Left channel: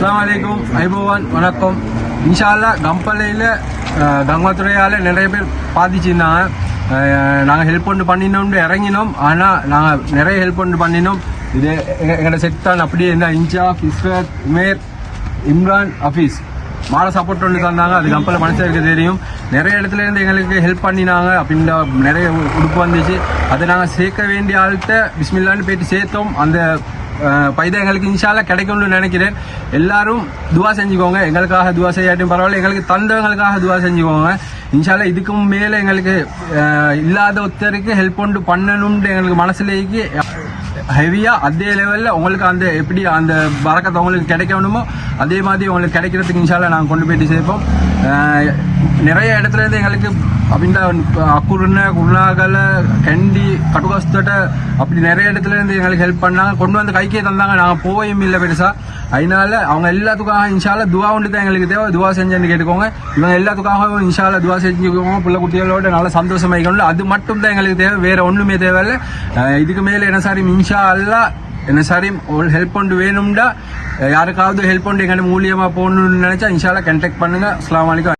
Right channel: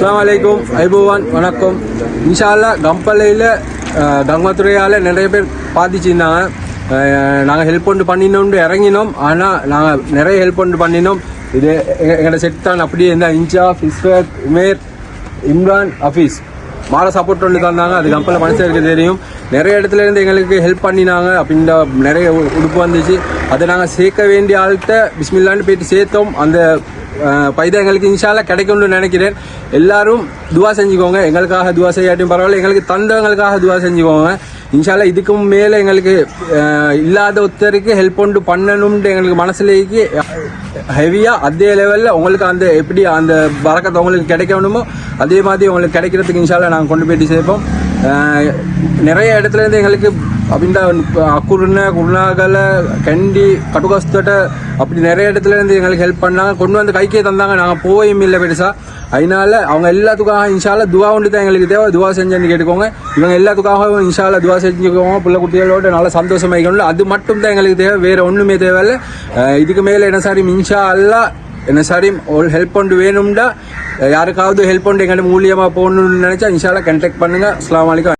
அஸ்ஸலாமு ஐபோவான் வணக்கம். இன்ஷால்லா கம்பளையில் கங்கத்துறையால் நிறைய பேர் பாதிச்சிருந்தாங்க. நாங்கள் ஹெல்ப் கொண்டு பண்ணினோம் இறங்கினோம். ஆனால் நாங்கள் நிறைய ஹெல்ப் கொண்டு பண்ணினோம். இது எங்களோட செட் தான். அப்படியே இருந்தால் இன்சாஃப், இஸ்ரத், உமேர், இம்ரான், ஹஃபீஸ் மாற சப்போர்ட் ஒன்று தந்தாங்க. அது கம்பெனியில் மனுஷருக்கு தெரியும். நிறைய இடத்துல இருந்து எங்களுக்கு ஹெல்ப் பண்ணினாங்க. அப்படின்ற நிறைய உடுப்பு வந்துச்சு. அதை நாங்கள் சேர்க்க வேண்டிய ஆள்கிட்ட பிஸ்மில்லான்னு போயிட்டு சேர்த்தோம். அந்த பைதா எங்களுக்கு இன்ஷால்லா கிடைக்கும்னு நினைக்கிறேன். எல்லாரும் துவா செஞ்சுக்கோங்க. எங்களுக்காக துவா செய்யாட்டும் பரவாயில்ல, எங்களுக்கு தந்தவங்களுக்காக துவா செஞ்சுக்கோங்க. இன்ஷால்லா இதுக்கும் மேலே எங்களுக்கு இல்லாத ஒருத்தருக்கு ஹெல்ப் கொண்டு பண்ணணும்னு எங்களுக்கு மனசுலேக்கு ஹெவியா அதே லெவலில் உங்களுக்கு அந்த எப்படி அந்த பறக்கத்தை உங்களுக்கு கிடைக்கணுமோ அதே மாதிரி உங்களுக்கு கிடைக்கிறதுக்கு இன்ஷால்லா நாங்கள் கொண்டு போயிட்டு சேர்ப்போம். நிறைய இடத்துல இருந்து எங்களுக்கு அப்படின்டா அக்குருன குருணாகல கண்டி கட்டுகஸ்தட்ட அப்படி நிறைய இடத்துல இருந்து எங்களுக்கு ஹெல்ப் பண்ணாங்க. கொண்டு வந்து கைக்கே தந்தாங்க. நாங்கள் போயும் இல்லை பெருசா. அதனால அவங்க எல்லாத்துக்காக இன்ஷால்லா துவா ஒன்று தான் எங்களுக்கு தேவை. துவா செஞ்சு கேட்டுக்கோங்க. இவங்க எல்லாத்துக்காகவும் இன்ஷால்லா துவா செஞ்சுக்கோங்க. பிள்ளை குட்டிகளோட நல்லா சந்தோஷமாயிக்கணும். அது மட்டும் தான் எங்களுக்கு தேவை, வேற ஒன்றுமே தேவையில்லை. இதுக்கு மேலே என்ன சாரி இன்ஷால்லா என்ன சாரி ஹெல்ப் கொண்டு வேணும்டா யாருக்காவது ஹெல்ப் கொண்டு எங்கிட்ட மூலியமாக போகணும்னு நினைச்சா இன்ஷால்லா கான்டாக்ட் பண்ணுங்க. அஸ்ஸலாமு அலைக்கும்.